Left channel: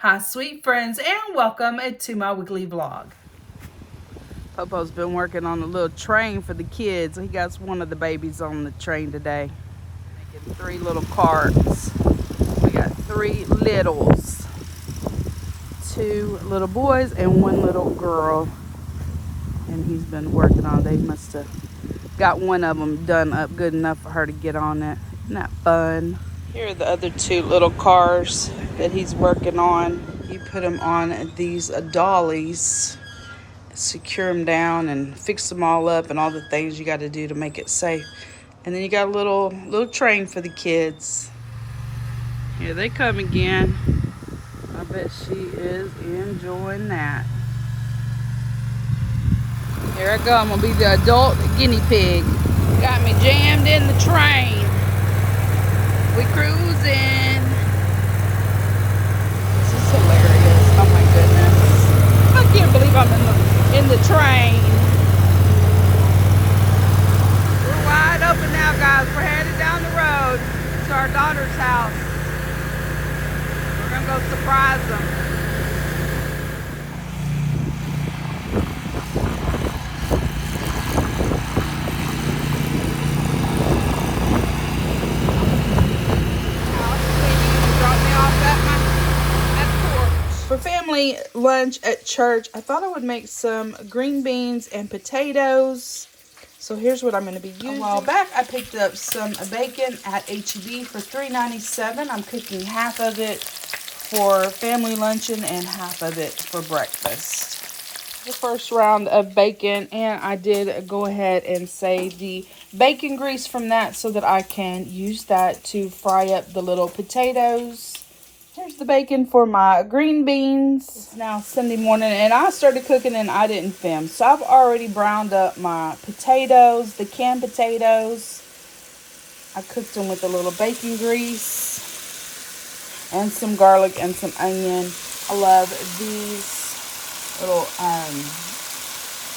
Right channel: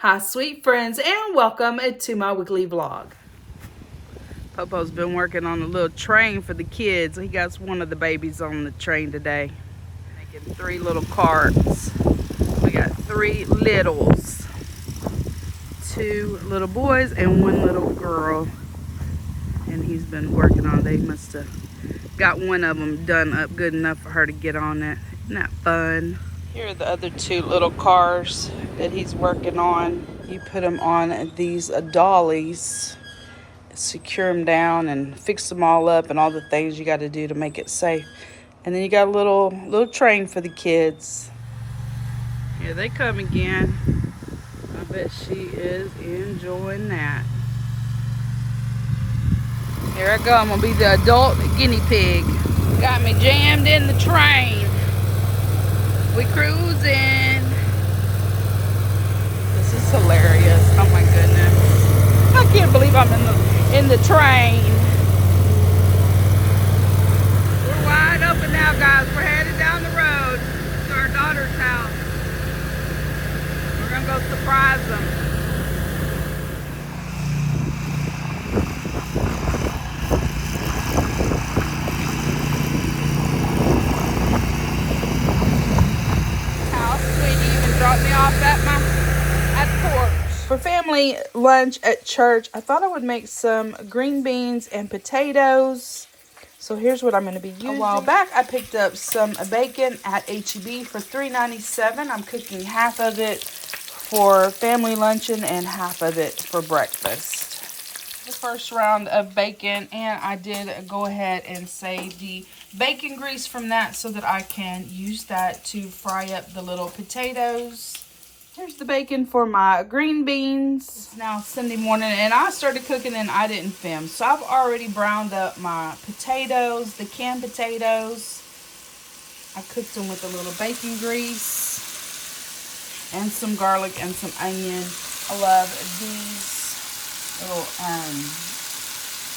Hi, sweet friends, and welcome to my weekly vlog. Popo's been working on a little train for the kids. He got one of the babies on the train today. Making 3 little carts. We got 3 littles. 2 little boys and 1 little girl. And he's been working on it. They must have got one of them done up good enough for her to get on it. Isn't that fun? Here are the other 2 little cars that he's working on. You put them on these dollies, secure them down and fix them all up and all the things you got to do to make it safe. And then you got a little train for the kids. Here they come again. I bet she is enjoying that. Here I go. I'm going to be the adult guinea pig. Got me jammed in the train. We cruising. This is hilarious. Oh my goodness. I can't believe I'm in the train. We're wide open now, guys. We're headed down the road to our daughter's house. We're going to go surprise them. For family lunch at church, I thought I would make some green beans and potatoes. So here's what I'm going to be using. A while back, I picked up some bacon at HEB for $3.97. I'm cooking half of it for family luncheon and half of it for breakfast. The first round of bacon, and I did go ahead and save the bacon grease from that so that I can use that to fry up the little potatoes. Here's the bacon for my green beans. It's now Sunday morning and I started cooking and I didn't film. So I've already browned up my potatoes, the canned potatoes. I cooked them with a little bacon grease and some garlic and some onion. I love these little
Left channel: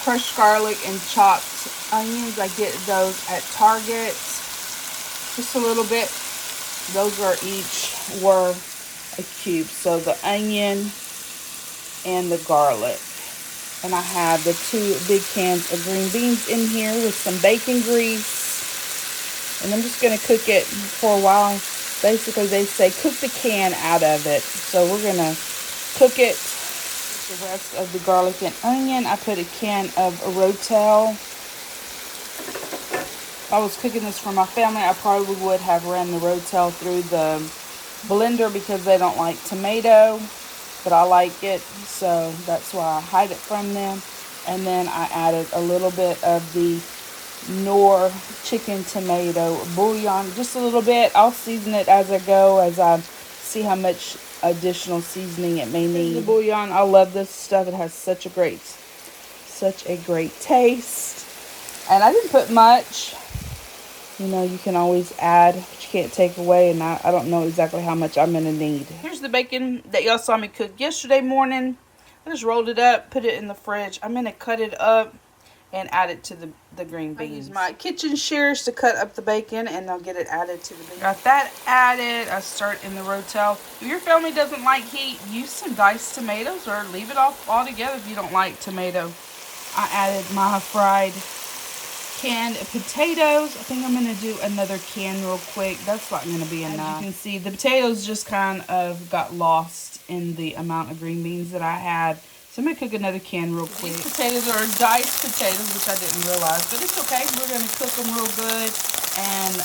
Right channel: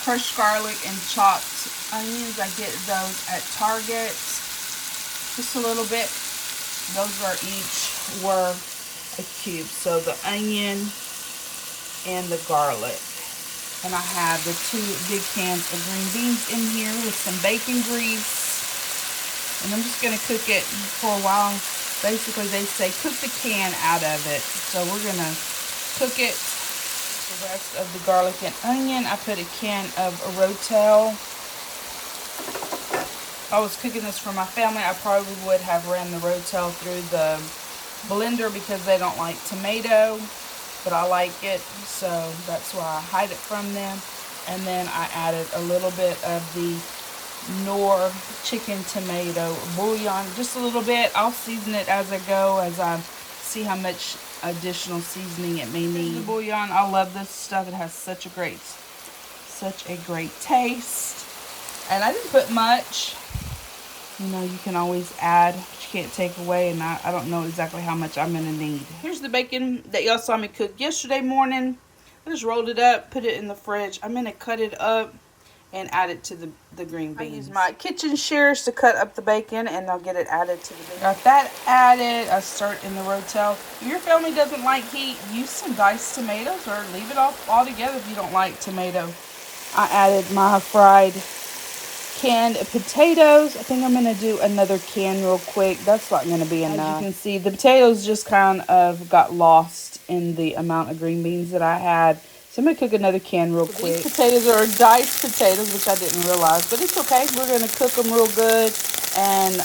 crushed garlic and chopped onions. I get those at Target. Just a little bit. Those were a cube. So the onion and the garlic, and I have the 2 big cans of green beans in here with some bacon grease, and I'm just going to cook it for a while. Basically they say cook the can out of it, so we're going to cook it. The rest of the garlic and onion, I put a can of Rotel. If I was cooking this for my family, I probably would have ran the Rotel through the blender because they don't like tomato, but I like it, so that's why I hide it from them. And then I added a little bit of the Knorr chicken tomato bouillon, just a little bit. I'll season it as I go, as I see how much additional seasoning it may need. The bouillon, I love this stuff. It has such a great taste. And I didn't put much. You know, you can always add, but you can't take away, and I don't know exactly how much I'm going to need. Here's the bacon that y'all saw me cook yesterday morning. I just rolled it up, put it in the fridge. I'm going to cut it up and add it to the green beans. I use my kitchen shears to cut up the bacon, and I'll get it added to the bacon. Got that added. I start in the Rotel. If your family doesn't like heat, use some diced tomatoes or leave it off altogether if you don't like tomato. I added my fried canned potatoes. I think I'm going to do another can real quick. That's not going to be enough. As you can see, the potatoes just kind of got lost in the amount of green beans that I had. So I'm going to cook another can real quick. These potatoes are diced potatoes, which I didn't realize, but it's okay. We're going to cook them real good and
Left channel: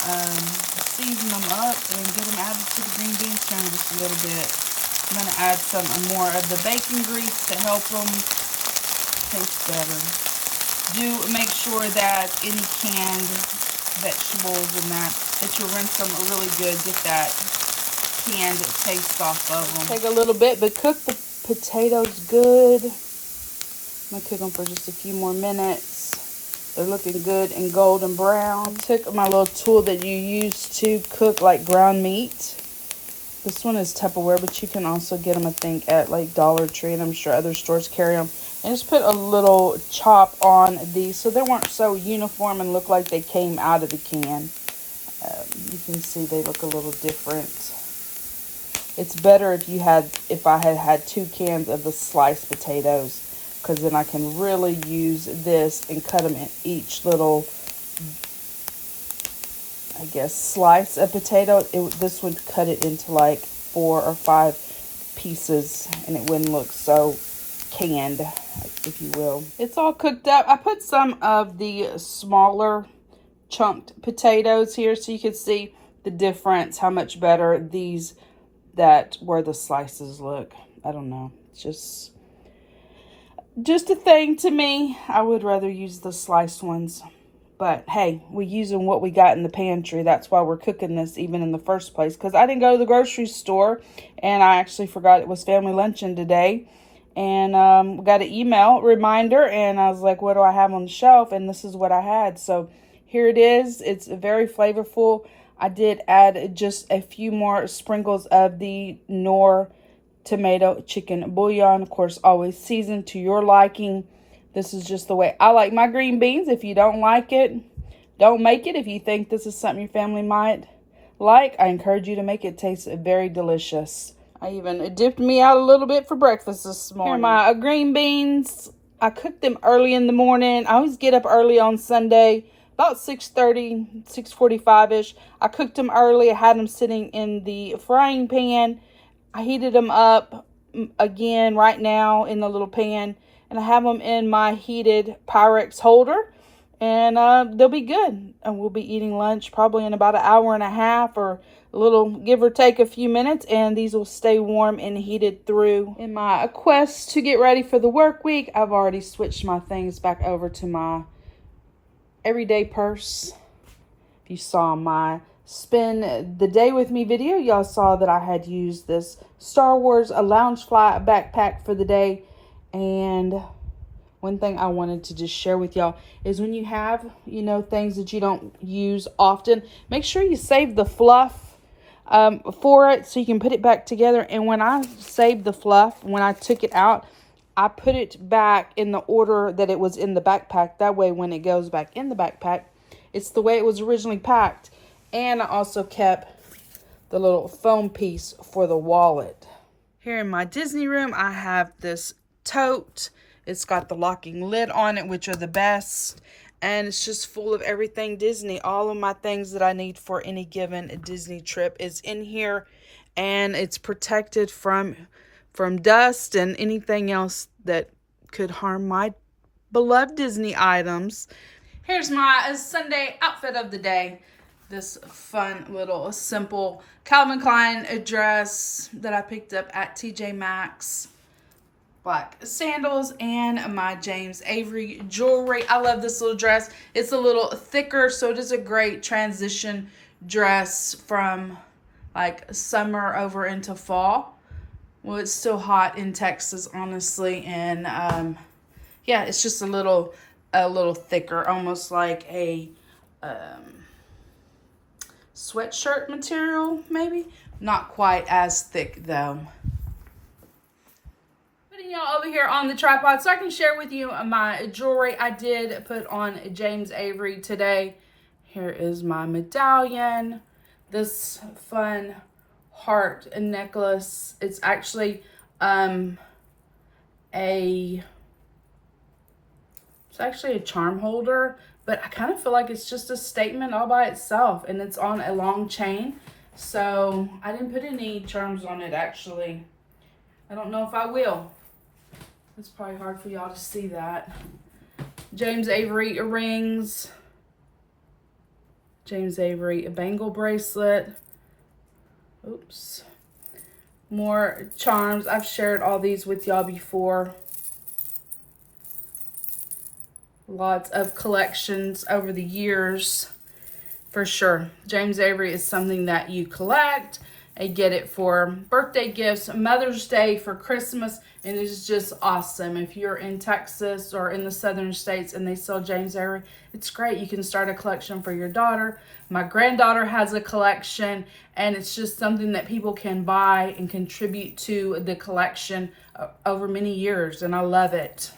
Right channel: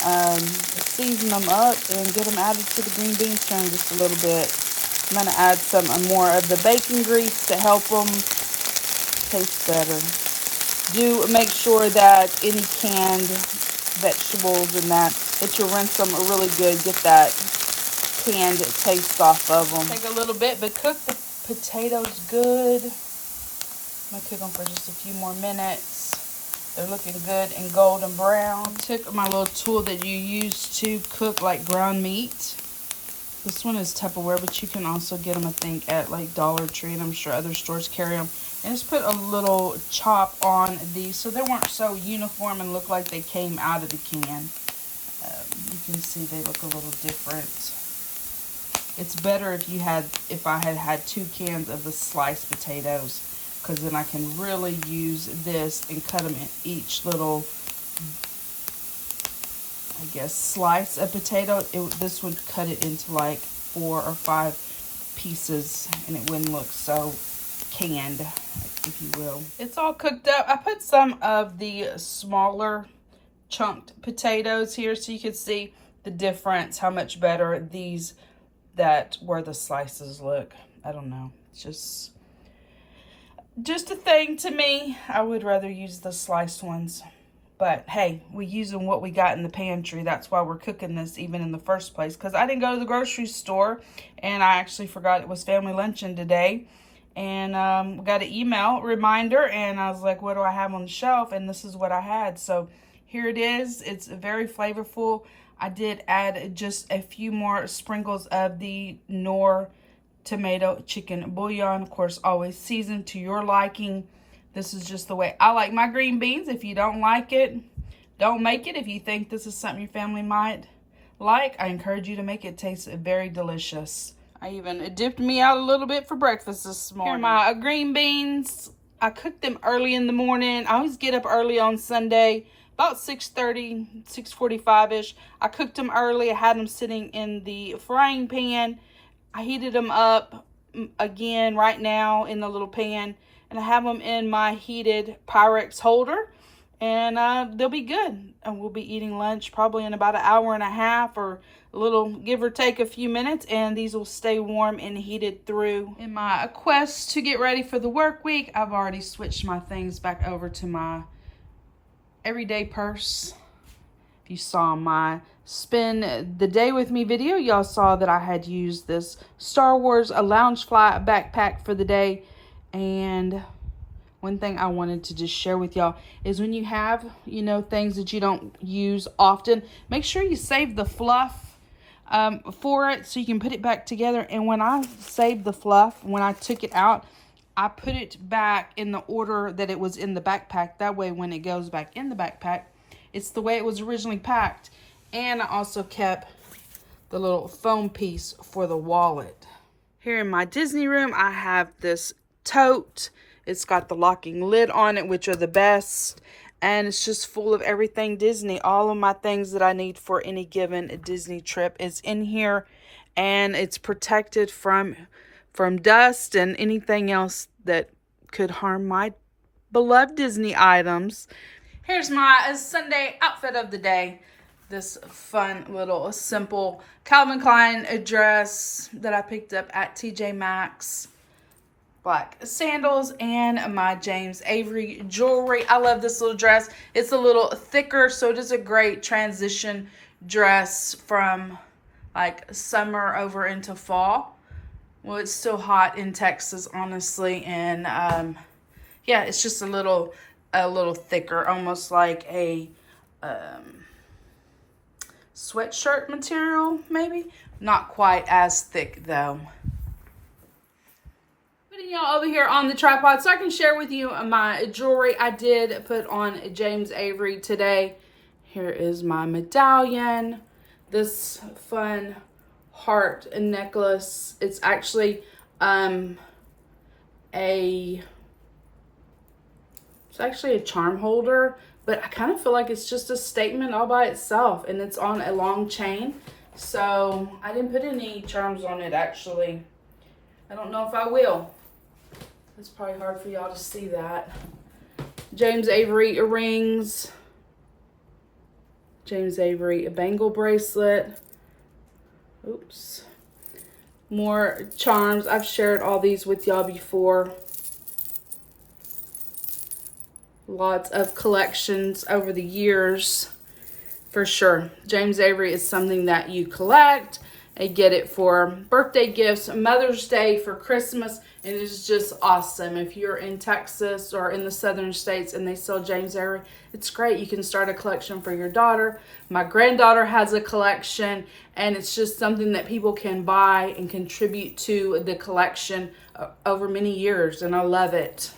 season them up and get them added to the green beans can just a little bit. I'm going to add some more of the bacon grease to help them taste better. Do make sure that any canned vegetables and that you rinse them really good. Get that canned taste off of them. Take a little bit, but cook the potatoes good. I'm going to cook them for just a few more minutes. They're looking good and golden brown. I took my little tool that you use to cook like ground meat. This one is Tupperware, but you can also get them, I think, at like Dollar Tree, and I'm sure other stores carry them. And just put a little chop on these so they weren't so uniform and look like they came out of the can. You can see they look a little different. It's better if I had had 2 cans of the sliced potatoes, because then I can really use this and cut them in each little, I guess, slice of potato. This would cut it into like 4 or 5 pieces, and it wouldn't look so canned, if you will. It's all cooked up. I put some of the smaller chunked potatoes here so you can see the difference, how much better these that where the slices look. I don't know, it's just a thing to me. I would rather use the sliced ones, but hey, we're using what we got in the pantry. That's why we're cooking this even in the first place, because I didn't go to the grocery store, and I actually forgot it was family luncheon today, and got an email reminder, and I was like, what do I have on the shelf? And this is what I had. So here it is. It's very flavorful. I did add just a few more sprinkles of the Knorr tomato chicken bouillon. Of course, always seasoned to your liking. This is just the way I like my green beans. If you don't like it, don't make it. If you think this is something your family might like, I encourage you to make it. Taste very delicious. I even dipped me out a little bit for breakfast this morning. Here are my green beans. I cooked them early in the morning. I always get up early on Sunday, about 6:30, 6:45-ish. I cooked them early. I had them sitting in the frying pan. I heated them up again right now in the little pan, and I have them in my heated Pyrex holder, and they'll be good. And we'll be eating lunch probably in about an hour and a half, or a little, give or take a few minutes, and these will stay warm and heated through. In my quest to get ready for the work week, I've already switched my things back over to my everyday purse. If you saw my spend the day with me video, y'all saw that I had used this Star Wars Loungefly backpack for the day. And one thing I wanted to just share with y'all is, when you have, you know, things that you don't use often, make sure you save the fluff for it so you can put it back together. And when I saved the fluff, when I took it out, I put it back in the order that it was in the backpack. That way, when it goes back in the backpack, it's the way it was originally packed. And I also kept the little foam piece for the wallet. Here in my Disney room, I have this tote. It's got the locking lid on it, which are the best. And it's just full of everything Disney. All of my things that I need for any given Disney trip is in here. And it's protected from dust and anything else that could harm my beloved Disney items. Here's my Sunday outfit of the day. This fun little simple Calvin Klein dress that I picked up at TJ Maxx. Black sandals and my James Avery jewelry. I love this little dress. It's a little thicker, so it is a great transition dress from like summer over into fall. Well, it's still hot in Texas, honestly, and yeah, it's just a little thicker, almost like a sweatshirt material, maybe. Not quite as thick though. Putting y'all over here on the tripod so I can share with you my jewelry. I did put on James Avery today. Here is my medallion. This fun heart necklace. It's actually a charm holder, but I kind of feel like it's just a statement all by itself, and it's on a long chain, so I didn't put any charms on it. Actually, I don't know if I will. It's probably hard for y'all to see that. James Avery earrings, James Avery bangle bracelet. Oops. More charms. I've shared all these with y'all before. Lots of collections over the years, for sure. James Avery is something that you collect and get it for birthday gifts, Mother's Day, for Christmas, and it's just awesome. If you're in Texas or in the southern states and they sell James Avery, it's great. You can start a collection for your daughter. My granddaughter has a collection, and it's just something that people can buy and contribute to the collection over many years, and I love it.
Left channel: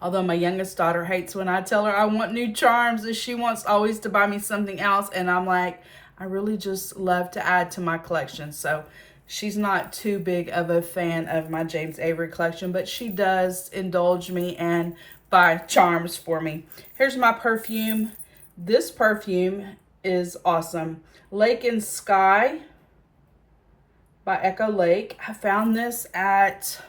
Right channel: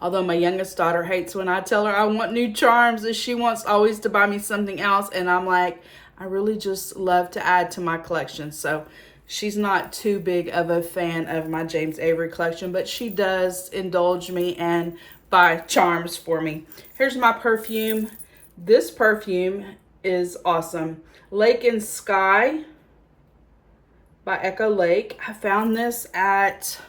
Although my youngest daughter hates when I tell her I want new charms, and she wants always to buy me something else, and I'm like, I really just love to add to my collection. So she's not too big of a fan of my James Avery collection, but she does indulge me and buy charms for me. Here's my perfume. This perfume is awesome. Lake and Sky by Echo Lake. I found this at,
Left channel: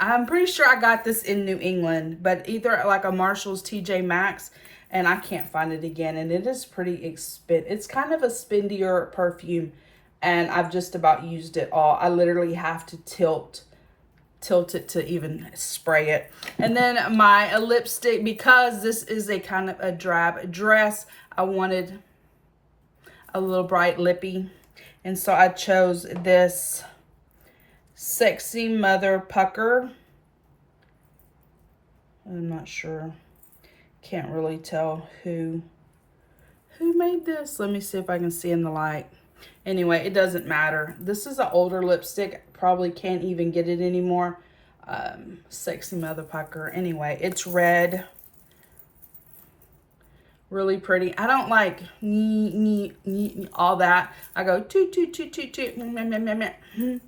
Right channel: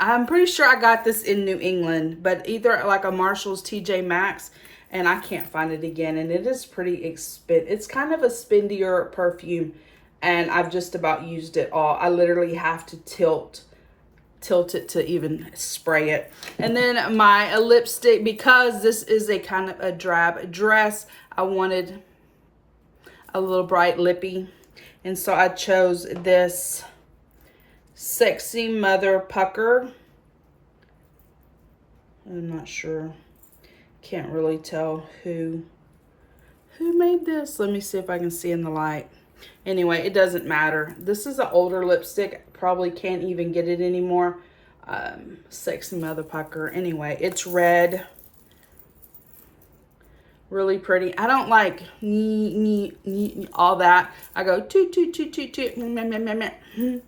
I'm pretty sure I got this in New England, but either like a Marshall's, TJ Maxx, and I can't find it again. And it is pretty expensive. It's kind of a spendier perfume, and I've just about used it all. I literally have to tilt it to even spray it. And then my lipstick, because this is a kind of a drab dress, I wanted a little bright lippy, and so I chose this Sexy Mother Pucker. I'm not sure, can't really tell who made this. Let me see if I can see in the light. Anyway, it doesn't matter. This is an older lipstick. Probably can't even get it anymore. Sexy Mother Pucker. Anyway, it's red. Really pretty. I don't like all that. I go toot, toot, toot, toot, toot.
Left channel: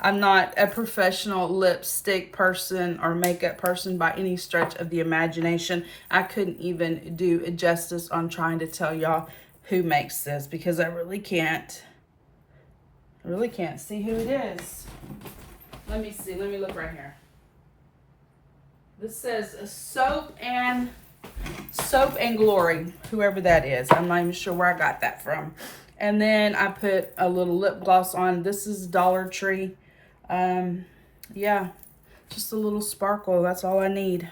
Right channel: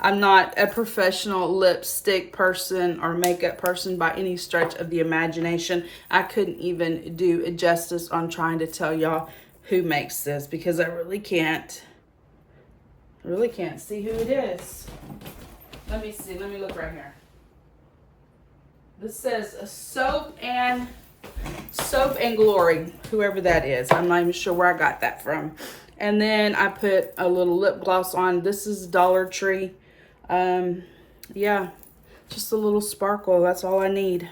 I'm not a professional lipstick person or makeup person by any stretch of the imagination. I couldn't even do justice on trying to tell y'all who makes this, because I really can't see who it is. Let me see. Let me look right here. This says Soap and Glory, whoever that is. I'm not even sure where I got that from. And then I put a little lip gloss on. This is Dollar Tree. Yeah, just a little sparkle. That's all I need.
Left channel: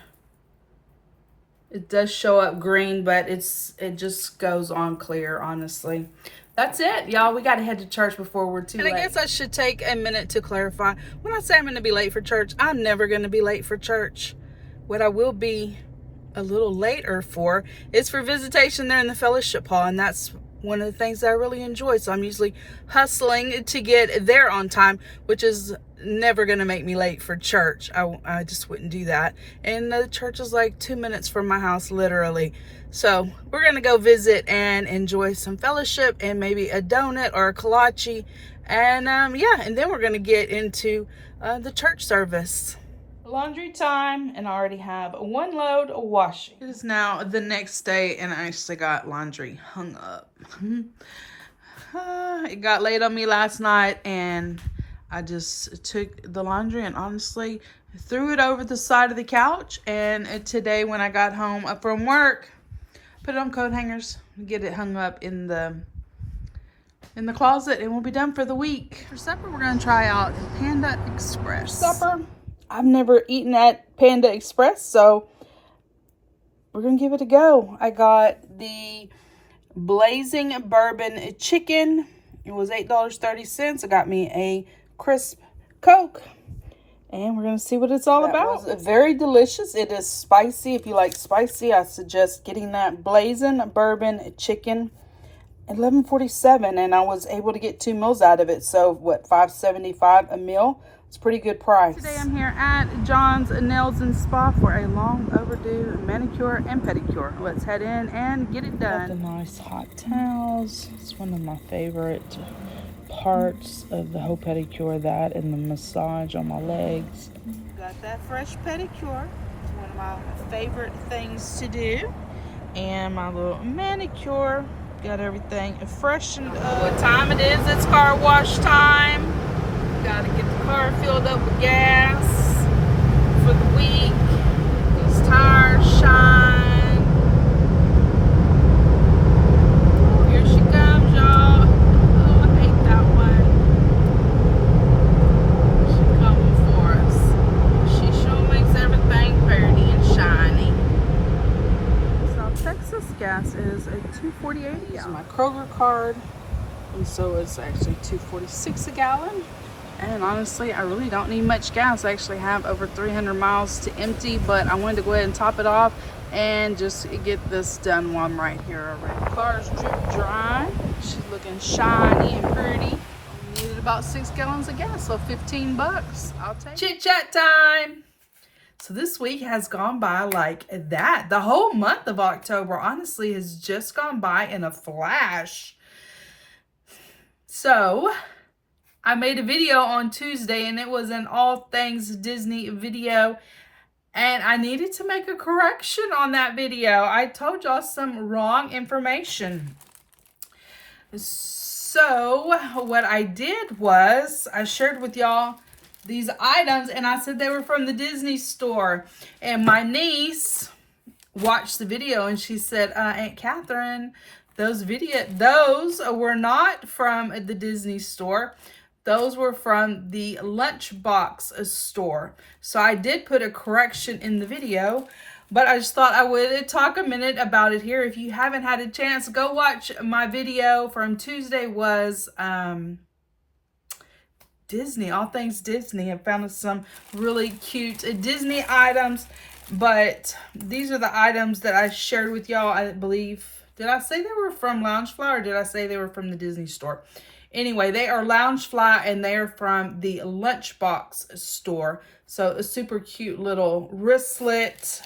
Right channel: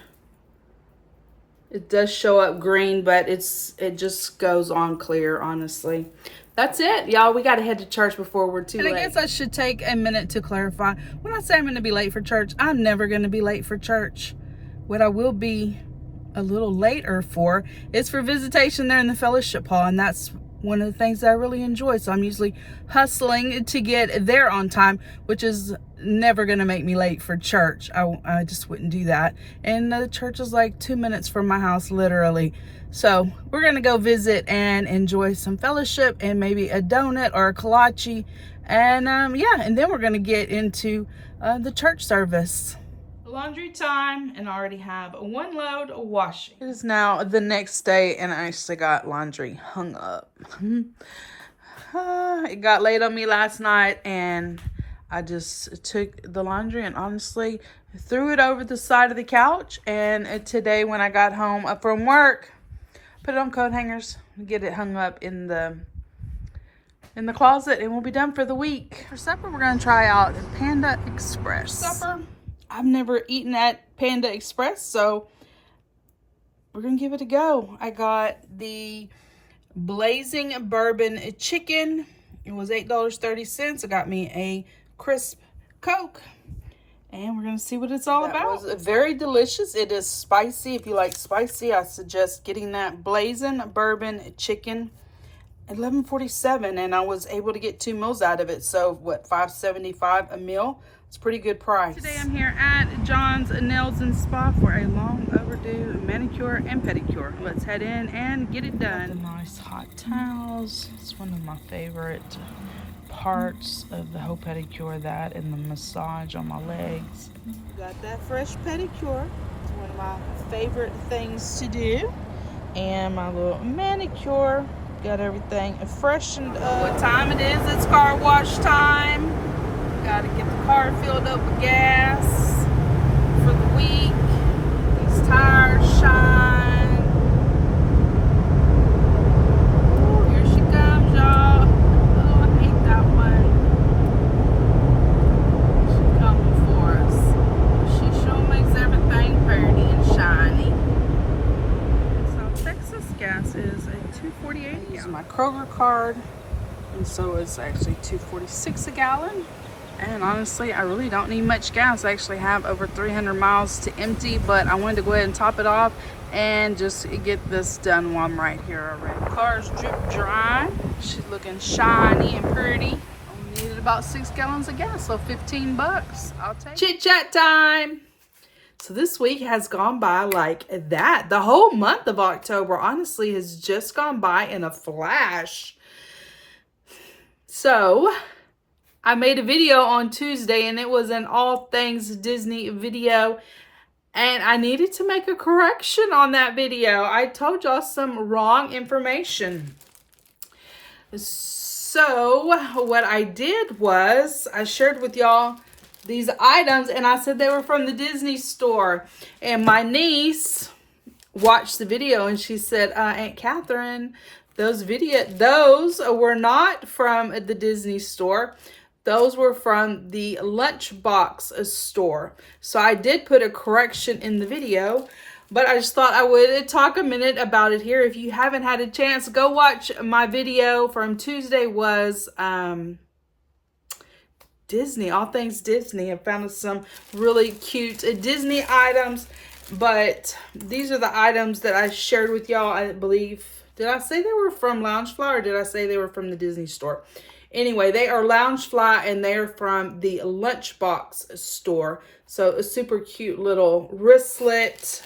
It does show up green, but it just goes on clear, honestly. That's it, y'all. We got to head to church before we're too late. And I guess I should take a minute to clarify. When I say I'm going to be late for church, I'm never going to be late for church. What I will be a little later for is for visitation there in the fellowship hall, and that's one of the things that I really enjoy. So I'm usually hustling to get there on time, which is never going to make me late for church. I just wouldn't do that. And the church is like 2 minutes from my house, literally. So we're going to go visit and enjoy some fellowship and maybe a donut or a kolache. And yeah, and then we're going to get into the church service. Laundry time, and I already have one load of washing. It is now the next day, and I actually got laundry hung up. It got late on me last night, and I just took the laundry and honestly threw it over the side of the couch. And today when I got home from work, put it on coat hangers, get it hung up in the closet, and we'll be done for the week. For supper, we're going to try out Panda Express. Supper. I've never eaten at Panda Express, so we're going to give it a go. I got the Blazing Bourbon Chicken. It was $8.30. I got me a crisp Coke, and we're going to see what it's all about. It was very delicious. It is spicy. If you like spicy, I suggest getting that Blazing Bourbon Chicken. $11.47, and I was able to get 2 meals out of it. So what, $5.75 a meal? It's a pretty good price. Today I'm here at John's Nails and Spa for a long overdue manicure and pedicure. Let's head in and get it done. The nice hot towels. It's one of my favorite parts of the whole pedicure, that and the massage on my legs. Got that fresh pedicure. It's one of my favorite things to do. And my little manicure. Got everything freshened up. What time it is? It's car wash time. Got to get the car filled up with gas for the week. These tires shine. Oh, here she comes, y'all. Oh, I hate that one. She coming for us. She sure makes everything pretty and shiny. South Texas gas is a $2.48. This is my Kroger card, and so it's actually $2.46 a gallon. And honestly, I really don't need much gas. I actually have over 300 miles to empty, but I wanted to go ahead and top it off and just get this done while I'm right here already. Car's drip dry. She's looking shiny and pretty. Only needed about 6 gallons of gas, so $15. I'll take it. Chit chat time. So this week has gone by like that. The whole month of October, honestly, has just gone by in a flash. So I made a video on Tuesday, and it was an all things Disney video. And I needed to make a correction on that video. I told y'all some wrong information. So what I did was I shared with y'all these items, and I said they were from the Disney store. And my niece watched the video, and she said, Aunt Catherine, those were not from the Disney store. Those were from the Lunchbox store. So I did put a correction in the video, but I just thought I would talk a minute about it here. If you haven't had a chance, go watch my video from Tuesday. Was Disney, all things Disney. I found some really cute Disney items, but these are the items that I shared with y'all. I believe, did I say they were from Loungefly, or did I say they were from the Disney store? Anyway, they are Loungefly, and they are from the Lunchbox store. So a super cute little wristlet,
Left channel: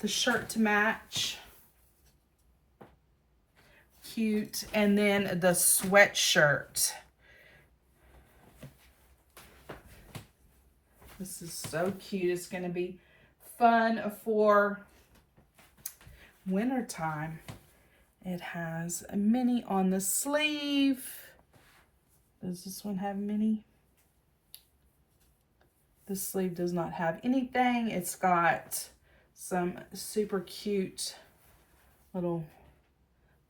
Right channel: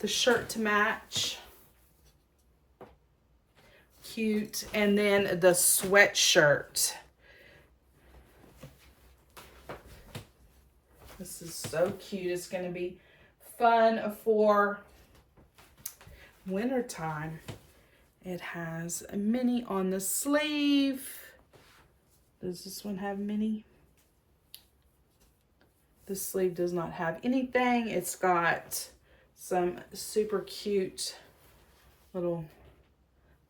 the shirt to match, cute, and then the sweatshirt. This is so cute. It's going to be fun for wintertime. It has a mini on the sleeve. Does this one have mini? The sleeve does not have anything. It's got some super cute little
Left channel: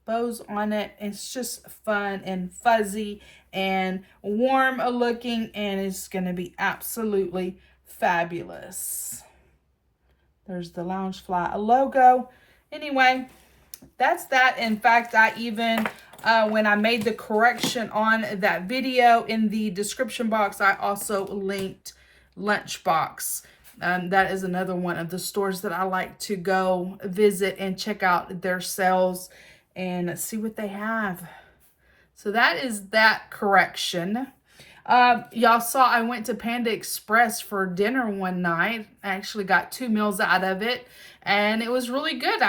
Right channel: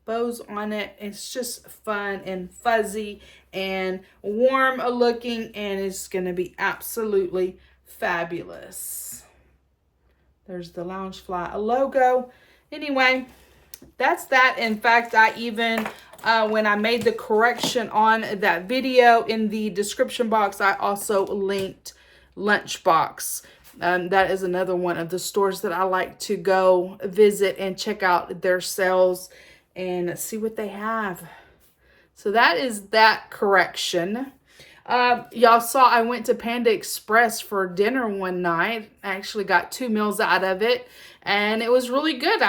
bows on it. It's just fun and fuzzy and warm looking, and it's going to be absolutely fabulous. There's the Loungefly logo. Anyway, that's that. In fact, I even, when I made the correction on that video, in the description box, I also linked Lunchbox. That is another one of the stores that I like to go visit and check out their sales and see what they have. So that is that correction. Y'all saw I went to Panda Express for dinner one night. I actually got 2 meals out of it, and it was really good.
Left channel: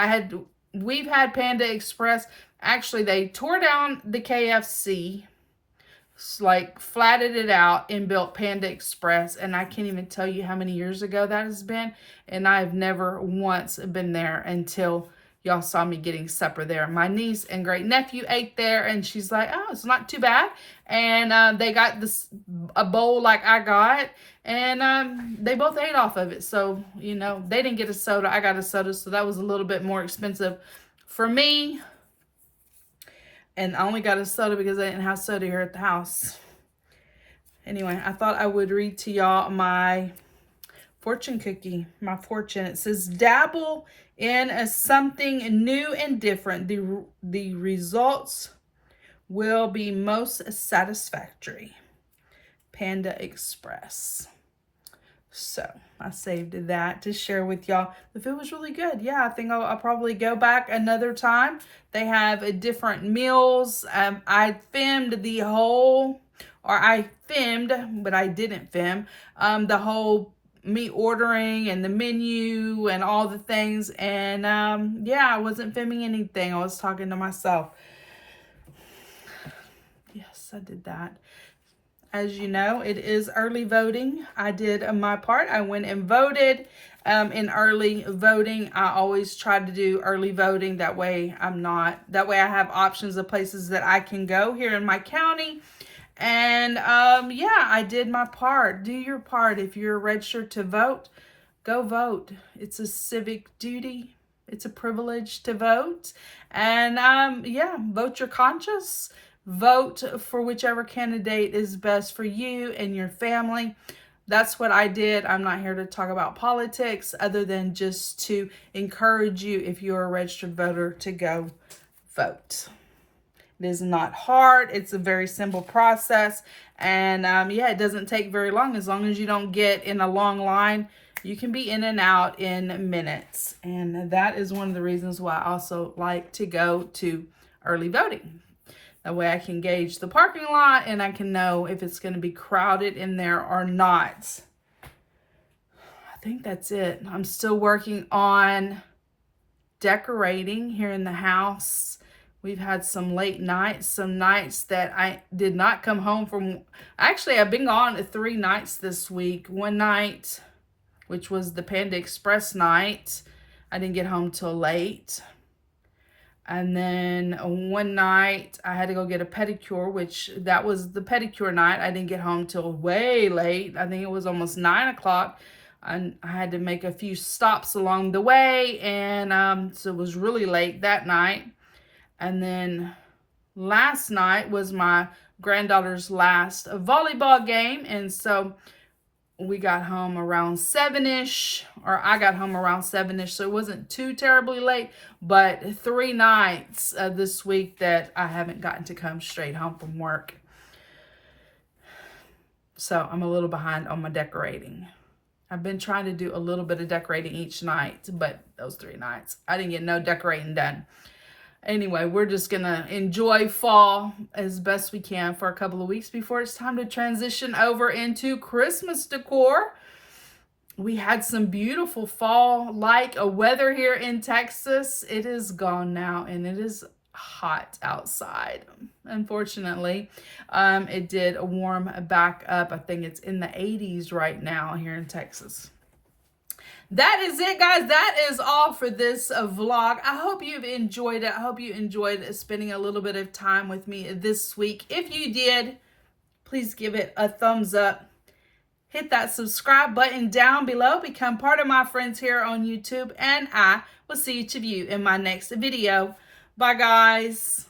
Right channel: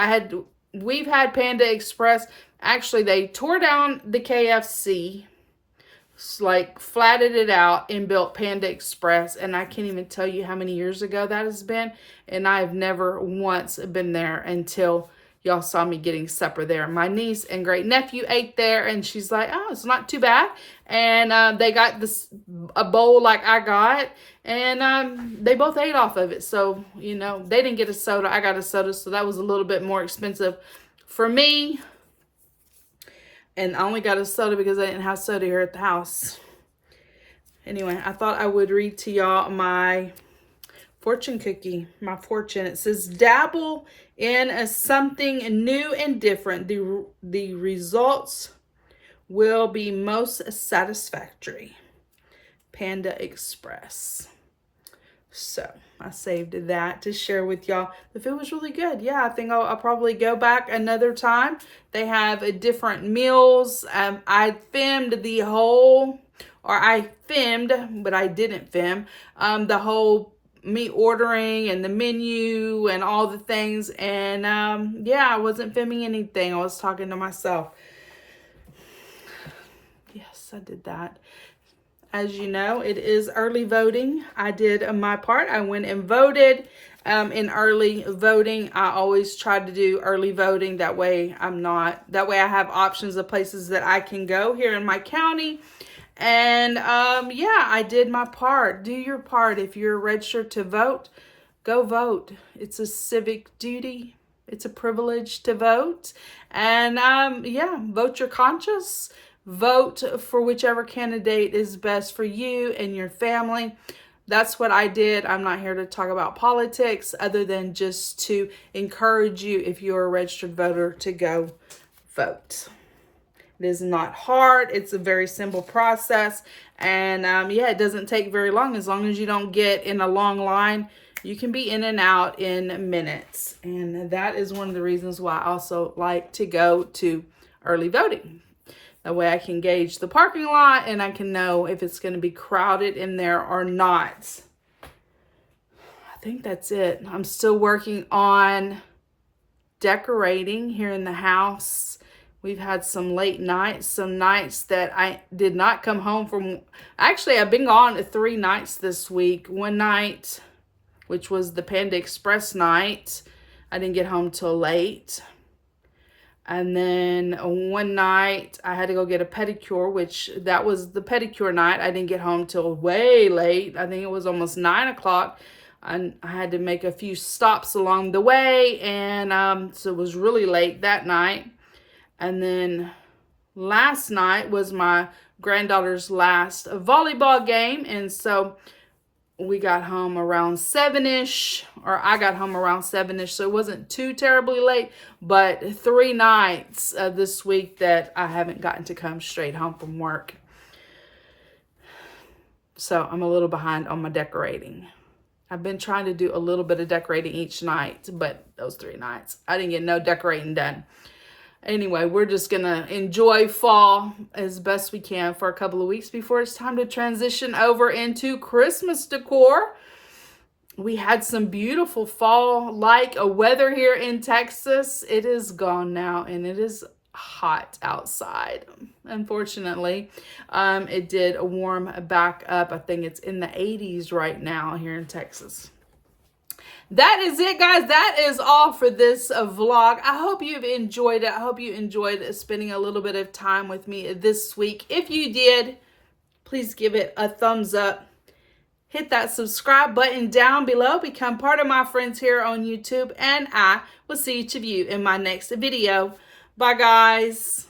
We've had Panda Express. Actually, they tore down the KFC, like flatted it out, and built Panda Express. And I can't even tell you how many years ago that has been. And I have never once been there until y'all saw me getting supper there. My niece and great nephew ate there, and she's like, oh, it's not too bad. And they got a bowl like I got, and they both ate off of it. So, you know, they didn't get a soda. I got a soda, so that was a little bit more expensive for me. And I only got a soda because I didn't have soda here at the house. Anyway, I thought I would read to y'all my fortune cookie, my fortune. It says, dabble in something new and different. The results will be most satisfactory. Panda Express. So I saved that to share with y'all. The food was really good. Yeah, I think I'll probably go back another time. They have different meals. I filmed, but I didn't film the whole me ordering and the menu and all the things. And yeah, I wasn't filming anything. I was talking to myself. Yes, I did that. As you know, it is early voting. I did my part. I went and voted in early voting. I always try to do early voting. That way I have options of places that I can go here in my county. And yeah, I did my part. Do your part. If you're registered to vote, go vote. It's a civic duty. It's a privilege to vote. And yeah, vote your conscience. Vote for whichever candidate is best for you and your family. That's what I did. I'm not here to talk about politics other than just to encourage you, if you're a registered voter, to go vote. It is not hard. It's a very simple process. And yeah, it doesn't take very long. As long as you don't get in a long line, you can be in and out in minutes. And that is one of the reasons why I also like to go to early voting. That way I can gauge the parking lot and I can know if it's going to be crowded in there or not. I think that's it. I'm still working on decorating here in the house. We've had some late nights, some nights that I did not come home from. Actually, I've been gone 3 nights this week. One night, which was the Panda Express night, I didn't get home till late. And then one night I had to go get a pedicure, which that was the pedicure night. I didn't get home till way late. I think it was almost 9 o'clock. And I had to make a few stops along the way. And so it was really late that night. And then last night was my granddaughter's last volleyball game. And so we got home around 7-ish, or I got home around 7-ish, so it wasn't too terribly late, but 3 nights this week that I haven't gotten to come straight home from work. So I'm a little behind on my decorating. I've been trying to do a little bit of decorating each night, but those 3 nights, I didn't get no decorating done. Anyway, we're just going to enjoy fall as best we can for a couple of weeks before it's time to transition over into Christmas decor. We had some beautiful fall-like weather here in Texas. It is gone now, and it is hot outside, unfortunately. It did warm back up. I think it's in the 80s right now here in Texas. That is it, guys. That is all for this vlog. I hope you've enjoyed it. I hope you enjoyed spending a little bit of time with me this week. If you did, please give it a thumbs up. Hit that subscribe button down below. Become part of my friends here on YouTube. And I will see each of you in my next video. Bye, guys.